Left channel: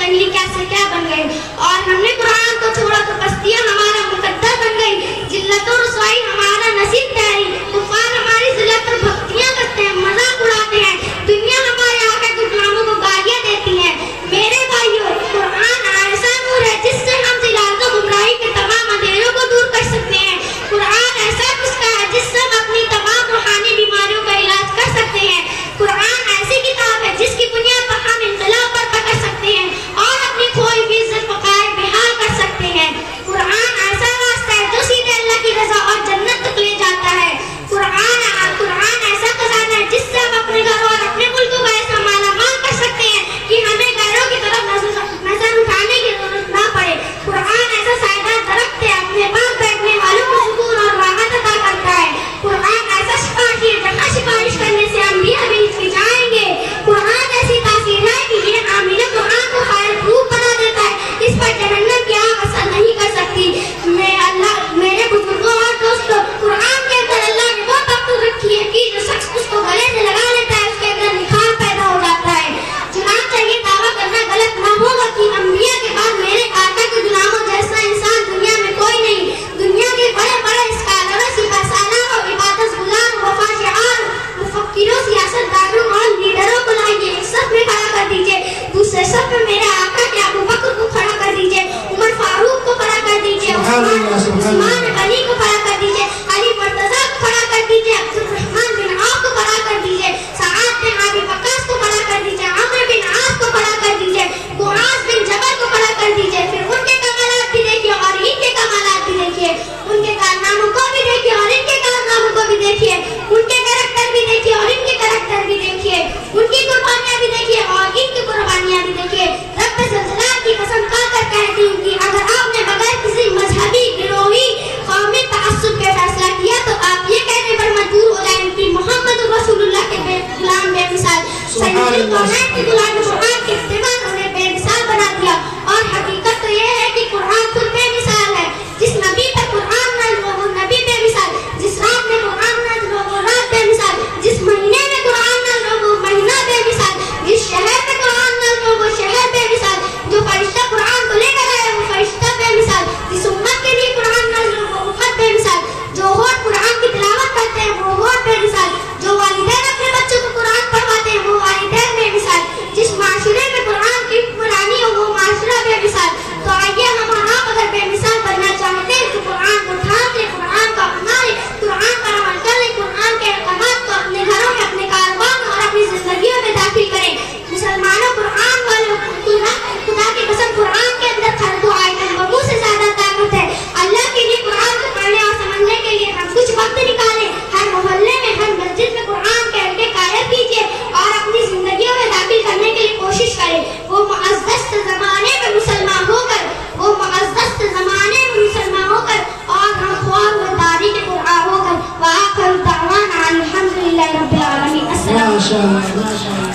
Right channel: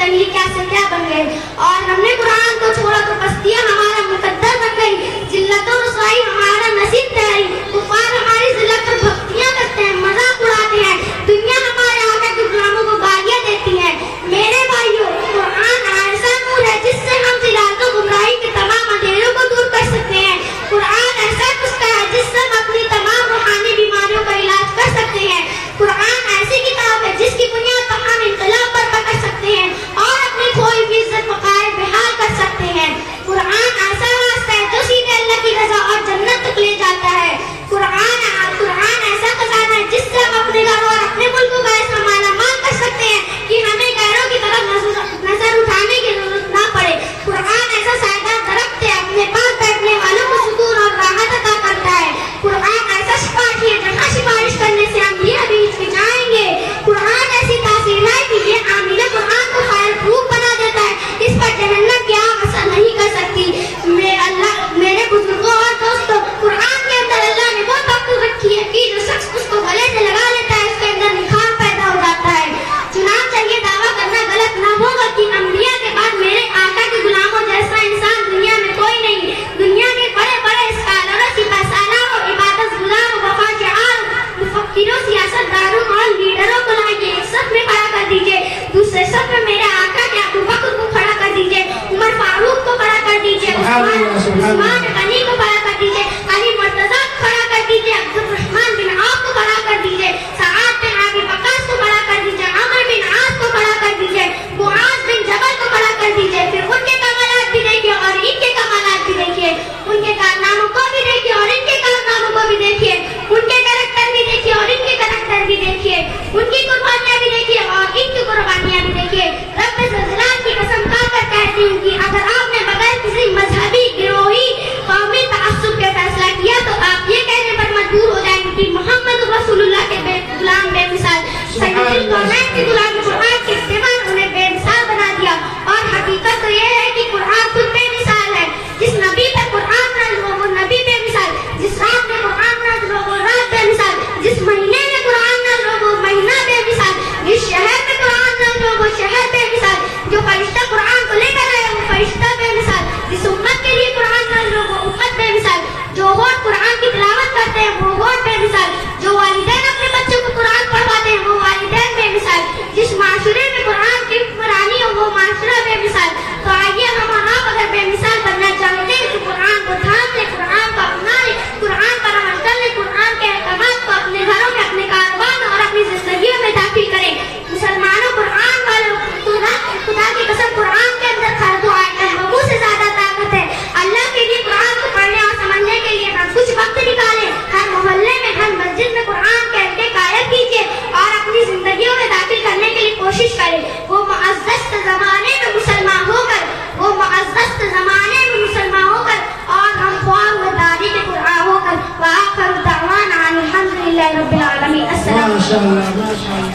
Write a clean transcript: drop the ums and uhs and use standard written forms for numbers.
करिए क्या से क्या बन गए। और हमने कुरान को छोड़ा तो बस्तियां हमारा मुकद्दर बन गई, जिल्लत और रुसवाई हमारा नसीब ठहरी। कुफार हमारी जिल्लत पर भक्तियां करते हैं, मजाक उड़ाते हैं, दुनिया हमारे आका के गुलामों को गालियां देती है। मेरे भाइयों, कुरान ऐसा नूर है जिससे हम जिलालत और गुमराही के तमाम अंधेरों को दूर कर सकते हैं। कुरान ऐसा नुस्खा है जिससे हम अपनी तमाम रूहानी बीमारियों का इलाज कर सकते हैं। कुरान ऐसी किताब है जिसकी बुनियाद पर हम इनकलाब बर्पा कर सकते हैं और अपनी खोई हुई इज्जत वक़ार बेहाल कर सकते हैं। कुरान ऐसा रास्ता है जो सीधे अल्लाह की रज़ा और जन्नत तक ले जाता है। कुरान ऐसा खजाना है जिससे हम अपने घर और अपने मुल्क को ऐसा मालामाल कर सकते हैं कि हमें गैरों की तरफ नजर उठाने की जरूरत ना पड़े। कुरान ऐसा सायदार दरख्त है, अपने पास बैठने वालों को सुकून और राहत अता करता है। कुरान ऐसा सिफारिश है जहाँ सिफारिश करने से हम ये अभी हिचकिचाएंगे। कुरान ऐसी तासीर है कि ये आमीना कुरान को फायर प्रूफ बना देता है, इस पर जहन्नम की आग असर नहीं कर सकती। मेरे बुजुर्गों और दोस्तों, कुरान के अंदर अल्लाह ने वो ताकत रखी है कि जो शख्स उसको गले से लगा लेता है उसके अंदर निखार पैदा हो जाता है। चुनांचे ये दावा करना गलत ना होगा कि अंबिया के बाद मेरे आका के गुलामों जैसा इंसान दुनिया में कोई नहीं। दुनिया के बड़े बड़े स्कॉलरों, सिपहसालारों, इबादतगुजारों, वफाशियार, मुफक्किरों, सियासतदानों और लीडरों को लाइए, एक सफ में खड़ा कर दीजिए। दूसरे सफ में मेरे आका के अबू बकर को खड़ा कर दीजिए, उमर फारूक को खड़ा कर दीजिए, उस्मान गनी को खड़ा कर दीजिए, अली मुर्तजा को खड़ा कर दीजिए, अब्दुर्रहमान बिन औफ को खड़ा कर दीजिए, सआद बिन अबी वक्कास को खड़ा कर दीजिए, अम्र बिन आस को खड़ा कर दीजिए, मुआज बिन जबल को खड़ा कर दीजिए। फिर उनके कमालात भी देखिए और इनके कमालात भी देखिए, उनके कारनामों को भी देखिए और इनके कारनामों को भी देखिए, उनके कैरेक्टर भी देखिए और इनके कैरेक्टर भी देखिए, उनकी कुर्बानियां भी देखिए और इनकी कुर्बानियां भी देखिए। रब ज़ुलजलाल की कसम खाकर कहती हूँ कि अगर आपने बगैर किसी मजहबी, गिरोही, कौमी तअस्सुब के फैसला किया तो आप ये कहने पर मजबूर हो जाएंगे कि मोहम्मद रसूलुल्लाह के गुलाम बेमिसाल सैयदुल कौनैन के गुलाम